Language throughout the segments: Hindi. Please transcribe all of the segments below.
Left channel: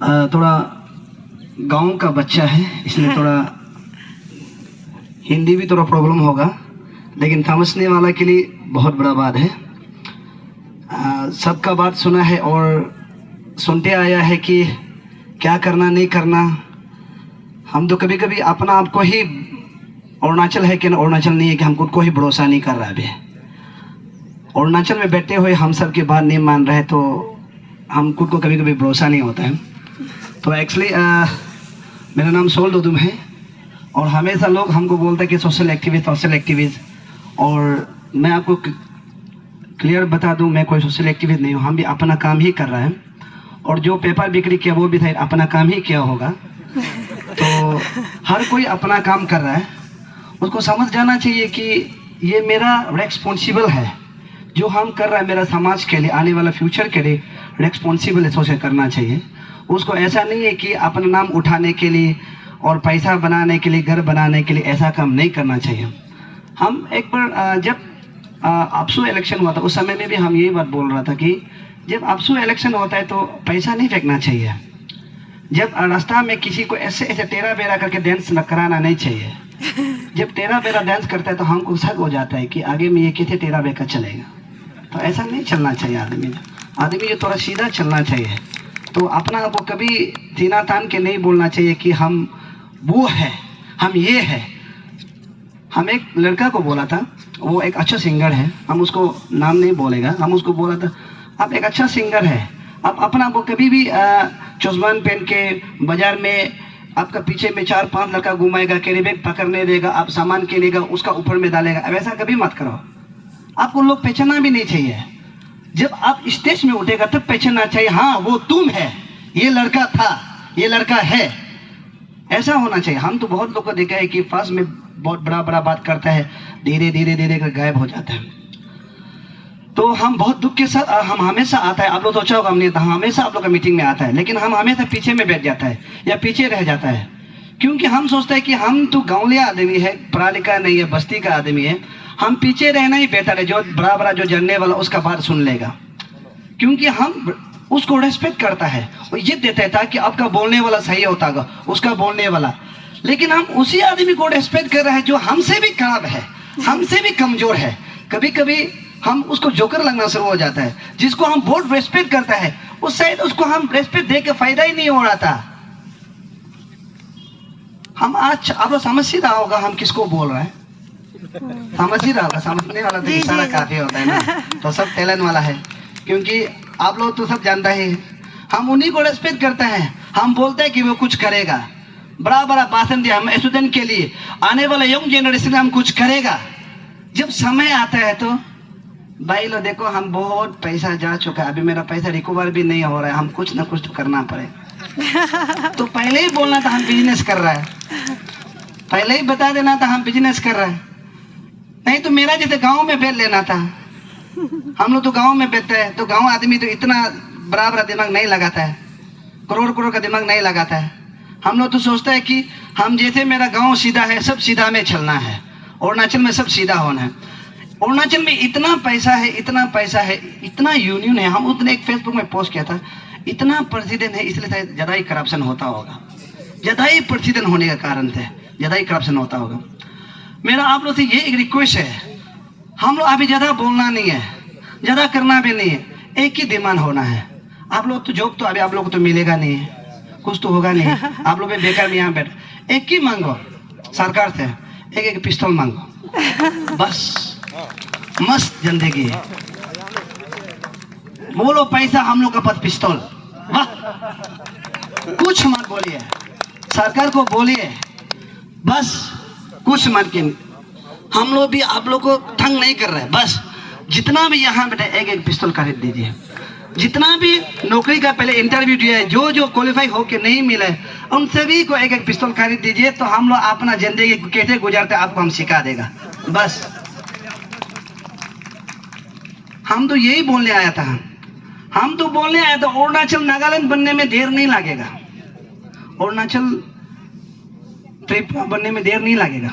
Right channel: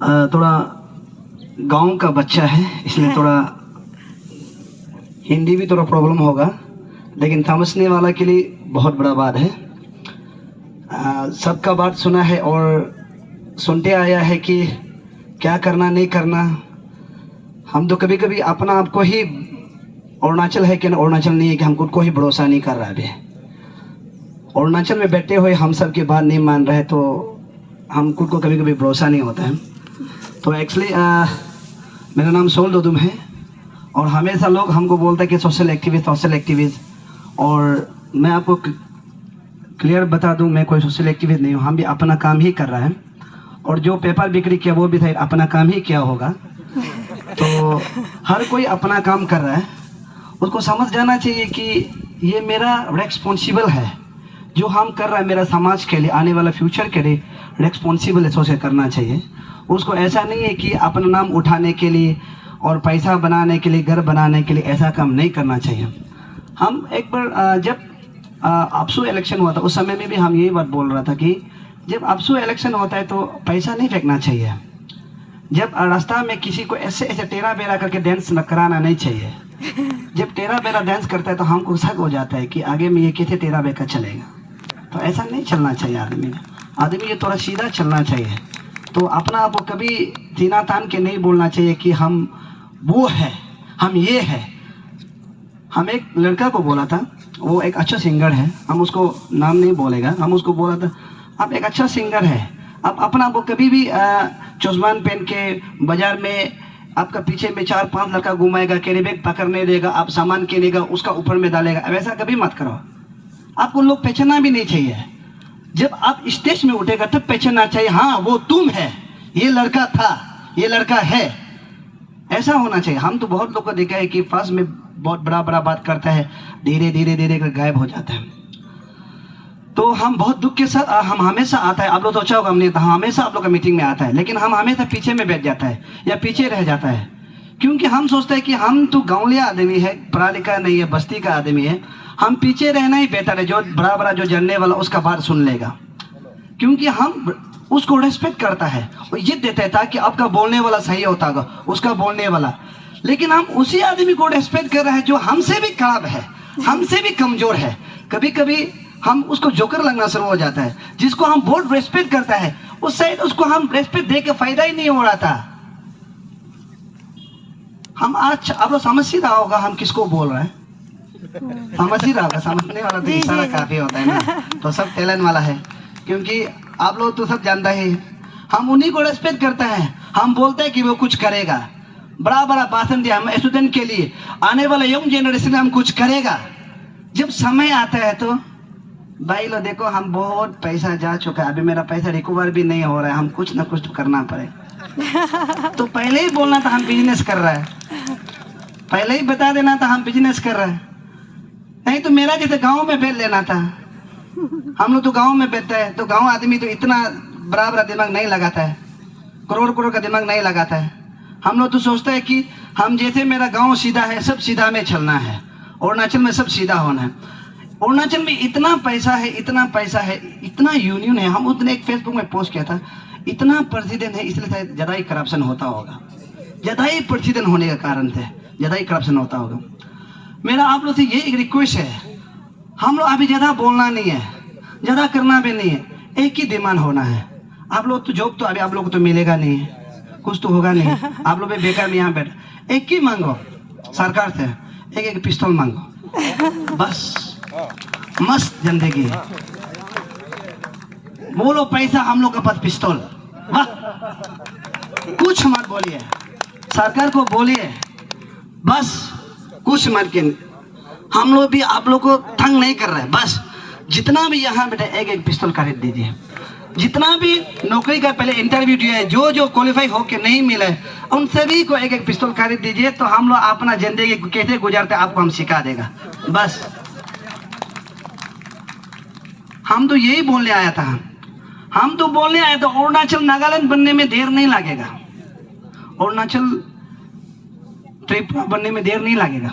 थोड़ा गांव का बच्चा है, इसलिए थोड़ा हिंदी भी थोड़ा प्रॉब्लम होगा, लेकिन समझने वाला के लिए बहुत बड़ा बात है। सबका बात सुना है और सुनते आया है कि क्या करना नहीं करना। हम तो कभी कभी अपना आपको ही अरुणाचल है कि अरुणाचल नहीं है कि हम खुद को ही भरोसा नहीं कर रहा। अभी अरुणाचल में बैठे हुए हम सब की बात नहीं मान रहे तो हम खुद को कभी कभी भरोसा नहीं होता है। तो एक्चुअली मेरा नाम सोल दोदुम है और हमेशा लोग हमको बोलते हैं कि सोशल एक्टिविस्ट, और मैं आपको क्लियर बता दूं, मैं कोई सोशल एक्टिविस्ट नहीं हूँ। हम भी अपना काम ही कर रहे हैं, और जो पेपर बिक्री किया वो भी था अपना काम ही किया होगा। तो हर कोई अपना काम कर रहा है, उसको समझ जाना चाहिए कि ये मेरा रेस्पॉन्सिबल है जो हम कर रहा है, मेरा समाज के लिए, आने वाला फ्यूचर के लिए रेस्पॉन्सिबल है, सोच करना चाहिए उसको। ऐसा नहीं है कि अपना नाम उठाने के लिए और पैसा बनाने के लिए, घर बनाने के लिए ऐसा काम नहीं करना चाहिए। हम एक बार जब अपसू इलेक्शन हुआ था उस समय में भी हम यही बात बोल रहा था कि जब अपसू इलेक्शन होता है तो पैसा नहीं फेंकना चाहिए। जब रास्ता में किसी को ऐसे ऐसे टेढ़ा बेड़ा करके डांस कराना नहीं चाहिए। जब टेढ़ा बेड़ा डांस करता है तो हमको शक हो जाता है कि आगे में ये कैसे टेढ़ा बेड़ा चलेगा। तो ऐसा नहीं चलना चाहिए। आदमी ये थोड़ा सीधा चलना चाहिए। तो अपना आपको कभी सीना तान के नहीं बोलना चाहिए कि हम वो है, हम ये है। हम एक लड़का को बोला था, वो एक अच्छा सिंगर है, हम उसको नाम नहीं बोलेगा, हम उसको बोला था आप एक अच्छा सिंगर है, आप अपना आपको कभी भी चश्मान पहन के बाजार में आपका पीछे में 4-5 लड़का घुमाएगा, कैरी बैग पकड़ने देगा, आप सामान के लेगा उसका ऊपर में डालेगा, वैसा कभी मत करो। आपको लोग पहचानना भी नहीं चाहिए। जब आप स्टेज में उठेगा तब पहचानना चाहिए, हाँ वो तुम है, ये लड़का था, ये लड़का है, ऐसा होना चाहिए। हम तो बहुत लोग को देखा है कि फर्स्ट में बहुत बड़ा बड़ा बात करता है, धीरे धीरे धीरे कर गायब हो जाता है। तो हम बहुत दुख के साथ हम हमेशा आता है, आप लोग सोचा होगा हमने, हमेशा आप लोग का मीटिंग में आता है, लेकिन हम हमेशा पीछे में बैठ जाता है या पीछे रह जाता है, क्योंकि हम सोचते हैं कि हम तो गाँवलिया आदमी है, पढ़ा लिखा नहीं है, बस्ती का आदमी है, हम पीछे रहना ही बेहतर है। जो बड़ा बड़ा जो जानने वाला उसका बात सुन लेगा, क्योंकि हम उसको रेस्पेक्ट करता है और इज्जत देता है ताकि आपका बोलने वाला सही होता होगा, उसका बोलने वाला। लेकिन हम उसी आदमी को रेस्पेक्ट कर रहे हैं जो हमसे भी खराब है, हमसे भी कमजोर है। कभी कभी हम उसको जोकर लगना शुरू हो जाता है। जिसको हम बहुत रेस्पेक्ट करता है उससे उसको हम रेस्पेक्ट दे के फायदा ही नहीं हो रहा था। हम आज आप लोग समझ ही रहा होगा हम किसको बोल रहे हैं, समझ ही रहा होगा। समझने वाला तो इशारा काफी होता है ना, तो सब टैलेंट वाला है, क्योंकि आप लोग तो सब जानता है। हम उन्हीं को रेस्पेक्ट करते हैं, हम बोलते हैं कि वो कुछ करेगा, बड़ा बड़ा भाषण दिया हम स्टूडेंट के लिए, आने वाले यंग जनरेशन में हम कुछ करेगा। जब समय आता है तो भाई लो देखो हम बहुत पैसा जा चुका है, अभी मेरा पैसा रिकवर भी नहीं हो रहा है, हम कुछ ना कुछ तो करना पड़े। तो पहले ही बोलना था हम बिजनेस कर रहा है, पहले ही बता देना था हम बिजनेस कर रहा है, नहीं तो मेरा जैसे गांव में बैठ लेना था। हम लोग तो गांव में बैठते हैं, तो गांव आदमी तो इतना बड़ा बड़ा दिमाग नहीं लगाता है, करोड़ करोड़ का दिमाग नहीं लगाता है। हम लोग तो सोचते हैं कि हम जैसे मेरा गांव सीधा है, सब सीधा में चलना है, अरुणाचल में सब सीधा होना है। अरुणाचल में इतना पैसा है, इतना पैसा है, इतना यूनियन है। हम उतने एक फेसबुक में पोस्ट किया था, इतना प्रेसिडेंट है, इसलिए शायद ज़्यादा ही करप्शन होता होगा, ज़्यादा ही प्रेसिडेंट होने के कारण से ज़्यादा ही करप्शन होता होगा। मेरा आप लोग से ये एक रिक्वेस्ट है, हम लोग अभी ज़्यादा बोलना नहीं है, ज़्यादा करना भी नहीं है, एक ही डिमांड होना है। आप लोग तो जॉब तो अभी आप लोग को तो मिलेगा नहीं है, कुछ तो होगा नहीं, आप लोग भी बेकार में यहाँ बैठ, एक ही मांगो सरकार से, एक पिस्तौल मांगो, बस मस्त जिंदगी है। बोलो पैसा, हम लोग का पास पिस्तौल, वाह, कुछ मत बोलिए, सरकार को बोलिए, बस कुछ मत के। हम लोग भी आप लोग को तंग नहीं कर रहे, बस जितना भी यहाँ बेटा एक पिस्तौल खरीद दीजिए। जितना भी नौकरी का पहले इंटरव्यू दिया है, जो जो क्वालिफाई होके नहीं मिले, उन सभी को एक पिस्तौल खरीद दीजिए, तो हम लोग अपना जिंदगी कैसे गुजारते आपको हम सिखा देगा। बस हम तो यही बोलने आया था, हम तो बोलने आया था अरुणाचल नागालैंड बनने में देर नहीं लगेगा, अरुणाचल त्रिपुरा बनने में देर नहीं लगेगा।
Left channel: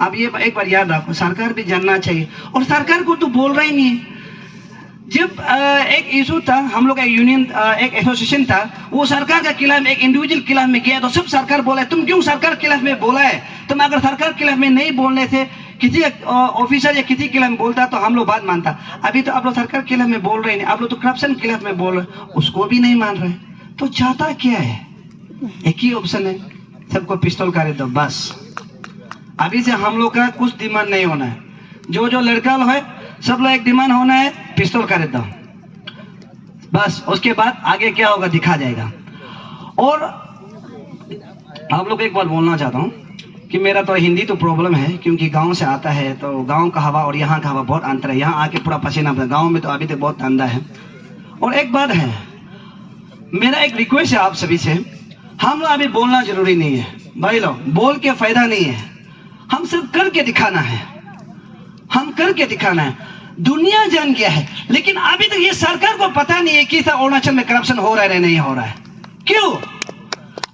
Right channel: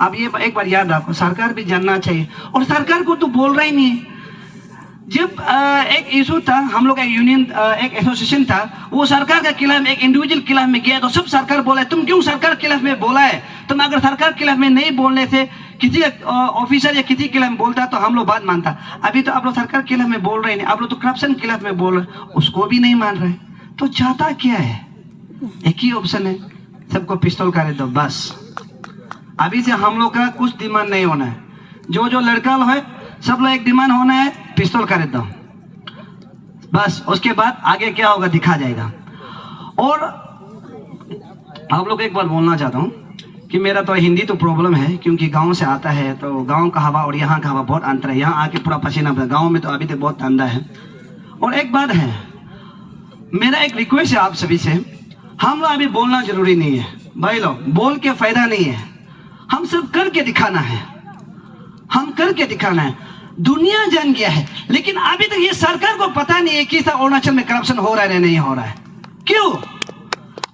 अब ये एक बार याद रखो, सरकार भी जानना चाहिए, और सरकार को तो बोल रहा ही नहीं है। जब एक इशू था, हम लोग एक यूनियन एक एसोसिएशन था, वो सरकार के खिलाफ एक इंडिविजुअल खिलाफ में गया तो सब सरकार बोला है तुम क्यों सरकार के खिलाफ में बोला है, तुम अगर सरकार के खिलाफ में नहीं बोलने से किसी ऑफिसर या किसी के खिलाफ में बोलता तो हम लोग बात मानता। अभी तो आप लोग सरकार के खिलाफ में बोल रहे हैं, आप लोग तो करप्शन के खिलाफ में बोल रहे, उसको भी नहीं मान रहे, तो चाहता क्या है? एक ही ऑप्शन है, सबको पिस्तौल कर दो बस। अभी से हम लोग का कुछ डिमांड नहीं होना है, जो जो लड़का है सब लोग एक डिमांड होना है, पिस्तौल कर दो बस। उसके बाद आगे क्या होगा दिखा जाएगा। और आप लोग एक बात बोलना चाहता हूँ कि मेरा तो हिंदी तो प्रॉब्लम है, क्योंकि गांव से आता है तो गांव का हवा और यहाँ का हवा बहुत अंतर है। यहाँ आके पूरा पसीना, गांव में तो अभी तक बहुत ठंडा है। और एक बात है, मेरा एक रिक्वेस्ट है आप सभी से, हम लोग अभी बोलना जरूरी नहीं है भाई लोग, बोल के फायदा नहीं है, हम सिर्फ करके दिखाना है, हम करके दिखाना है। दुनिया जान गया है, लेकिन अभी तक ये सरकार को पता नहीं है कि अरुणाचल में करप्शन हो रहा है नहीं हो रहा है। क्यों?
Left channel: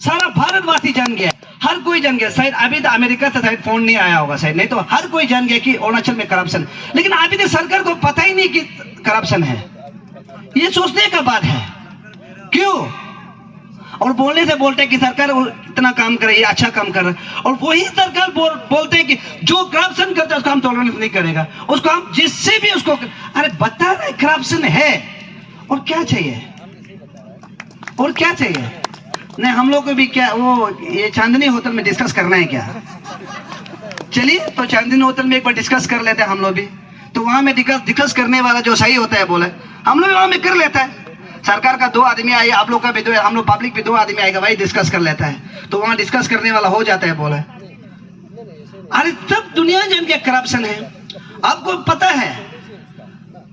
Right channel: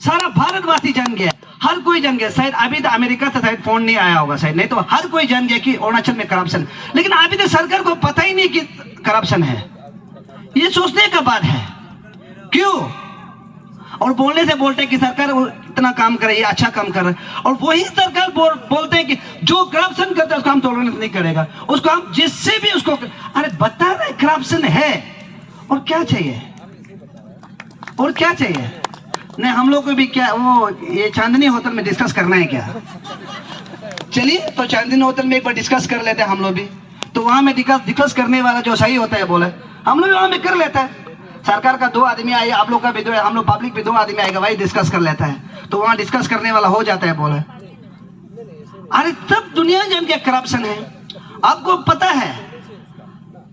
सारा भारतवासी जान गया, हर कोई जान गया। शायद अभी तक अमेरिका से शायद फोन नहीं आया होगा शायद, नहीं तो हर कोई जान गया कि अरुणाचल में करप्शन, लेकिन अभी तक सरकार को पता ही नहीं कि करप्शन है। ये सोचने का बात है। क्यों? और बोलने से बोलते हैं कि सरकार इतना काम कर रही है, अच्छा काम कर रहा है, और वही सरकार बोलते हैं कि जो करप्शन करता है उसको हम टॉलरेंस नहीं करेगा, उसको हम जिससे भी उसको, अरे बता रहे करप्शन है और क्या चाहिए, और क्या चाहिए? नहीं हम लोग को भी क्या वो ये चांदनी होटल में डिस्कस करना है क्या? चलिए तो चांदनी होटल में एक बार डिस्कस कर लेते हैं हम लोग भी, तो वहां में डिस्कस करने वाला जो सही होता है बोले हम लोग वहां में कर लेता है। सरकार का 2 आदमी आए, आप लोग का भी 2, हम लोग पब्लिक भी 2 आदमी आएगा, वही डिस्कस कर लेता है, तो वहां डिस्कस करने वाला हो जाता है बोले। अरे तब दुनिया जान के करप्शन है। आपको पता है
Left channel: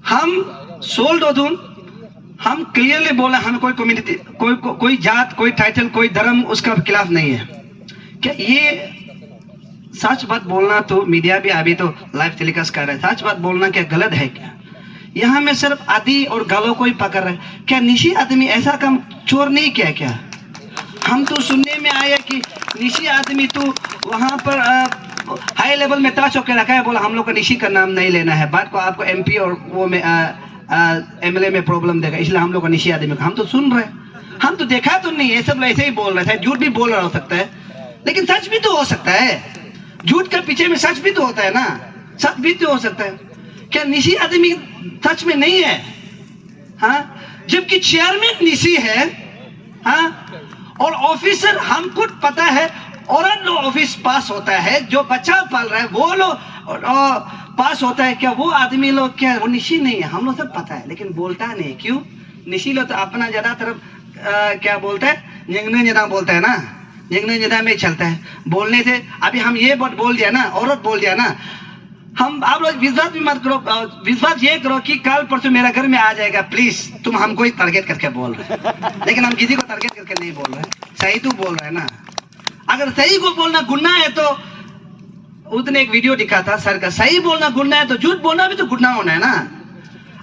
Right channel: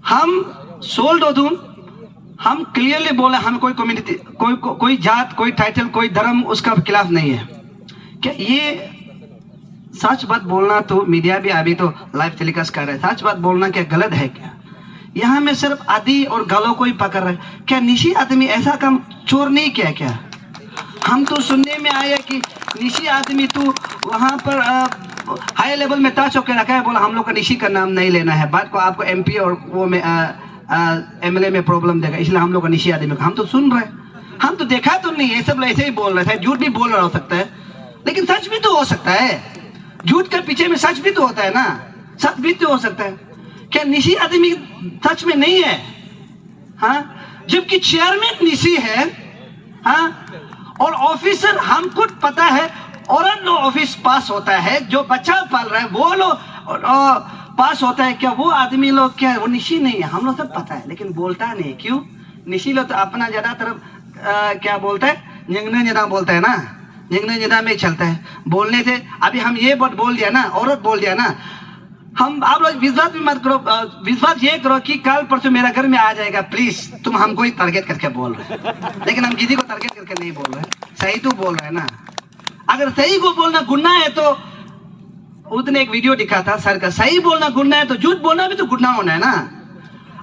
हम सोल्ड ओदून, हम क्लियरली बोला हम कोई कम्युनिटी, कोई जात, कोई टाइटल, कोई धर्म उसका खिलाफ नहीं है। क्या ये सच बात बोलना, तो मीडिया भी अभी तो लाइव टेलीकास्ट कर रहा है, सच बात बोलना क्या गलत है क्या? यहाँ में सिर्फ आदि और गालों को ही पकड़ रहा है क्या? निशी आदमी ऐसा काम चोर नहीं किया क्या? हम तो सुनने में आया कि निशी आदमी तो वहाँ पर हाई लेवल में टच होकर रखा है, बोला हम लोग का निशी का नाम नहीं लेना है, बात को आपको एमपी और वो में एमएलए में प्रॉब्लम देगा, इसलिए हम लोग का निशी आदमी। हम तो सुन रहे, हम तो देखा तो नहीं है, सब ऐसे ही बोल रहे थे। झूठ भी बोल रहा हो सकता है, लेकिन सच भी तो हो सकता है। झूठ के पीछे में सच भी तो होता है ना, सच भी तो हो सकता है। क्या निशी आदमी सच में नहीं है? हाँ, जबकि चेयरमैन निशी है, हाँ, और ऑफिसर हमको पता है, और जो ऑफिस पास होता है, जो बच्चा पाल रहा है वो लोग पास होता है, क्या वो आदमी लोग क्या वो निशी नहीं है? हम लोग सब पता है, लेकिन बोलता नहीं। क्यों? निशी लोग तो अपना ज्यादातर क्या बोलता है, यंगने ज्यादा बोलता है ना, यंगने ज्यादा में चलता है बोलने से। अभी हम ये बात बोल दिया ना, औरत बोल दिया ना, हम आप लोग विश्वास भी मत करो, विश्वास ये करो कि कल परसों मेरा घर में आ जाएगा, प्लीज तुम हमको ही टारगेट करके बोल रहे हैं, लेकिन हम किसी को टारगेट करके नहीं बोल रहे, सही तो बोल रहे हैं ना। अगर सही को बोलना गुनाह है तो उसने एक वीडियो दिखा था सर का, सही बोलना गुनाह है तो झूठ बोलना भी तो गुनाह होना है ना।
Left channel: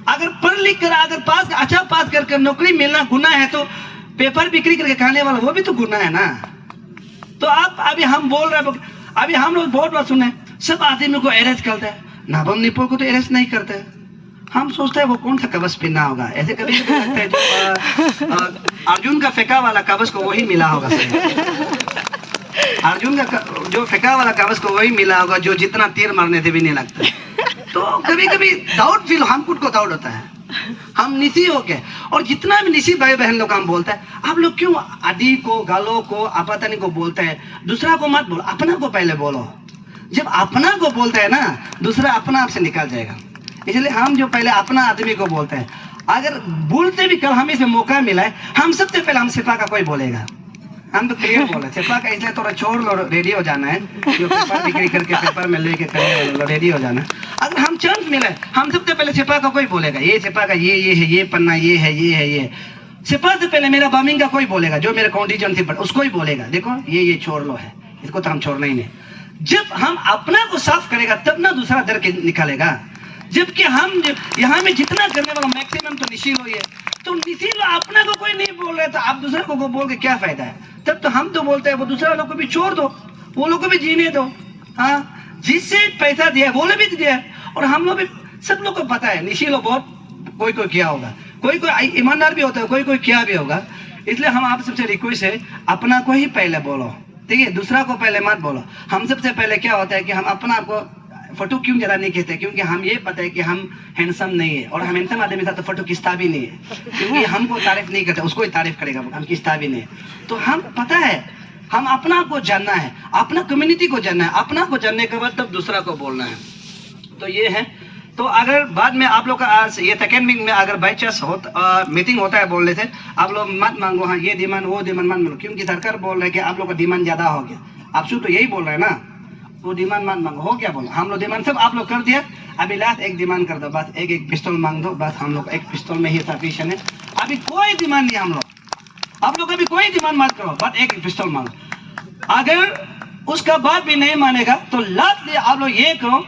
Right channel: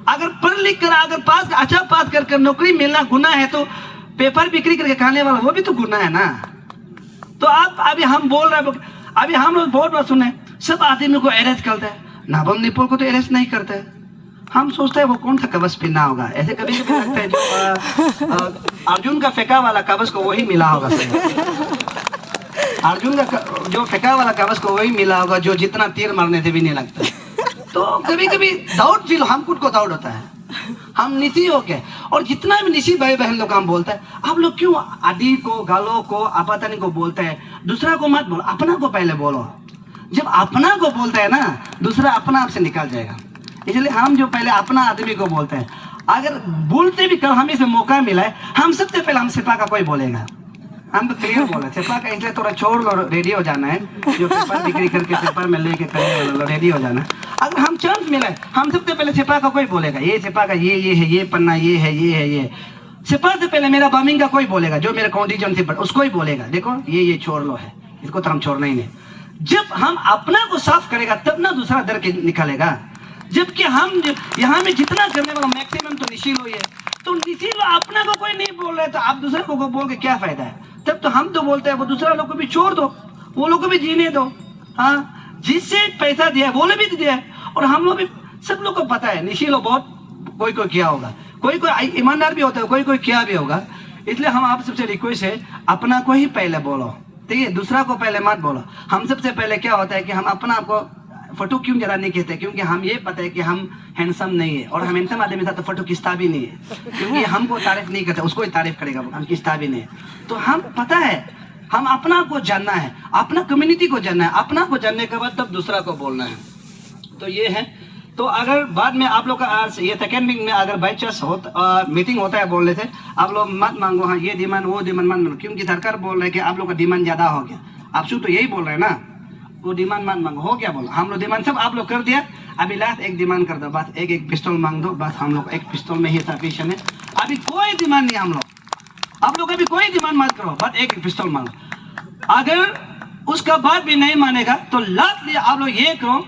अगर पढ़ लिख कर, अगर पास अच्छा पास कर नौकरी मिलना गुनाह है, तो पेपर बिक्री करके खाने वाला वो भी तो गुनाह है ना। तो आप अभी हम बोल रहे हैं, अभी हम लोग बहुत बार सुने सब आदमी को अरेस्ट करते हैं, नाबम निपुल को तो अरेस्ट नहीं करते। हम सोचते हैं वो कौन सा कवच पहना होगा, ऐसे कभी लगता है जो अर्जुन का फेंका वाला कवच को वही मिला होगा, अर्जुन का जो फेंका वाला कवच को वही मिला होगा, जो जितना तीर मारने से भी नहीं लगता। तो कभी कभी डाउट फील, हम खुद को डाउट होता है, हम निशी हो के, और जितना भी निशी भाई बहन लोग हम बोलते हैं, आप लोग क्यों आदि को, गालों को, आपतानी को बोलते हैं? दूसरा को मत बोलो, अपना को पहले बोलो। जब अपना को बोलते हैं ना, दूसरा अपना आप से निकल जाएगा। इसलिए हम जो पहले अपना आदमी को बोलते हैं, अगर बोलते भी कल हमें से मौका मिला है, हम सबसे पहले हम सिपा का कोई बोलेगा, हम तो क्लियर बोला सिपा का, इसलिए थोड़ा छोड़ लो, रेडी हो जाना है, जो पेपर बिक्री करके पेपर में लेके करेंगे, रेडी हो जाना। अगर हम चांस मिला है, हम सबसे पहले सिपा का कोई बोलेगा, ये सिपा का ये है, ये पन्ना ये है, ये है, ये सिपा से पहले मेरा बामिंग का कोई बोलेगा, जो मेरा कॉन्टीजेंसी पर उसको ही बोलेगा, देखो ये छोड़ लो है, इसको तो हम छोड़ना ही नहीं। जब हम अपना को साफ करेगा तब ना दूसरा डर के निकालेगा। जबकि हम यहाँ में जितना करने वाला मैक्सिमम तो निशी लो, ये तो निशी लो, अपना को कोई नहीं बोल रहा है, तो आप दूसरे को बोल के क्या फायदा है? तब तो हम तो बोलते हैं, वो दूसरा लोग को भी छोड़ दो, वो लोग को भी जीने दो। हाँ, जिससे पैसा दिया वो लोग भी दिया, और हम लोग भी, सब लोग को पता है निशी लोग बहुत कोई कोई किया होगा, कोई कोई ईमानदार भी होता है, कोई कोई किया भी होगा। इसलिए हम आप सबसे रिक्वेस्ट है, अपना को ही पहले बोलो, ठीक है, दूसरा को पहले मत बोलो। हम सबसे पहले क्या होता है कि हम अपना आपको फोटो क्यों जरा नहीं कहते, क्योंकि हम ये पता है कि हम हैंडसम नहीं है, और हम हैंडसम आदमी था तो फोटो खींचता भी नहीं है, क्योंकि हमको तारीफ नहीं करता, उसको ही तारीफ करेगा, हम खींचता भी नहीं। तो हम पता है, हम अपना को जानना है, अपना कम्युनिटी को जानना है, अपना को जानने के बाद तब दूसरा को बोलना है। तो ये है। तो अगर बाद में आप लोग का आज ये सेकेंड मीटिंग में अगर बाई चांस मीटिंग होता है, बोल रहे थे आप लोग मत मांगो, हाँ ये डिमांड वो डिमांड मत मांगो, क्योंकि सरकार बोल रहे कि आप लोग का डिमांड ज्यादा हो गया। आप तो यही बोल रहे हैं ना, वो डिमांड मत मांगो, हो क्या बोला, हम लोग डिमांड सब आप लोग कर दिया। अभी लास्ट एक डिमांड कर दो, बस एक पिस्तौल मांग दो, बस हम लोग एक पिस्तौल में ही सफिशिएंट है। अभी कोई डिमांड नहीं हम लोग, आप लोग अभी कोई डिमांड मत करो, बस एक पिस्तौल मांगो। अगर उसका बाद भी नहीं मानेगा तो लास्ट आप लोग ये करो,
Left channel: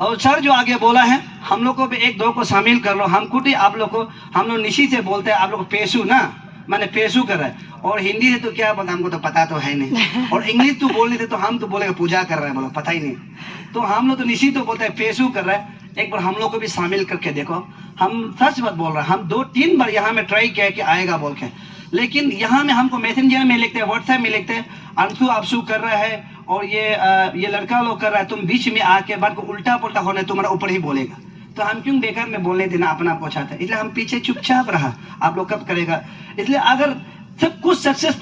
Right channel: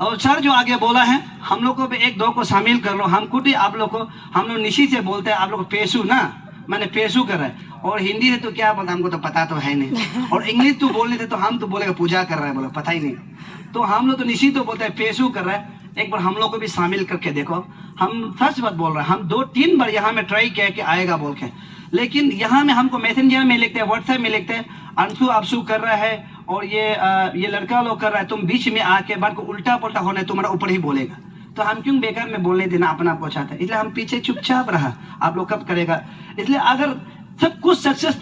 और सर जो आगे बोला है हम लोग को भी एक दो को शामिल कर लो। हम खुद ही आप लोग को, हम लोग निशी से बोलते हैं, आप लोग पेशू ना, मैंने पेशू कर रहा है, और हिंदी से तो क्या पता, हमको तो पता तो है नहीं, और इंग्लिश तो बोल रहे थे तो हम तो बोलेगा पूजा कर रहा है, बोलो पता ही नहीं। तो हम लोग तो निशी तो बोलते हैं पेशू कर रहा है। एक बार हम लोग को भी शामिल करके देखो, हम सच बात बोल रहे हैं, हम 2-3 बार यहाँ में ट्राई किया कि आएगा बोल के, लेकिन यहाँ में हमको मैसेंजर में लिखते हैं, व्हाट्सएप में लिखते हैं, अंशु आपसू कर रहा है और ये लड़का लोग कर रहा है, तुम बीच में आके बात को उल्टा पुल्टा होने तुम्हारा ऊपर ही बोलेगा। तो हम क्यों बेकार में बोलने देना, अपना आपको चाहते हैं, इसलिए हम पीछे चुपचाप रहा। आप लोग कब करेगा, इसलिए अगर सब कुछ सक्सेस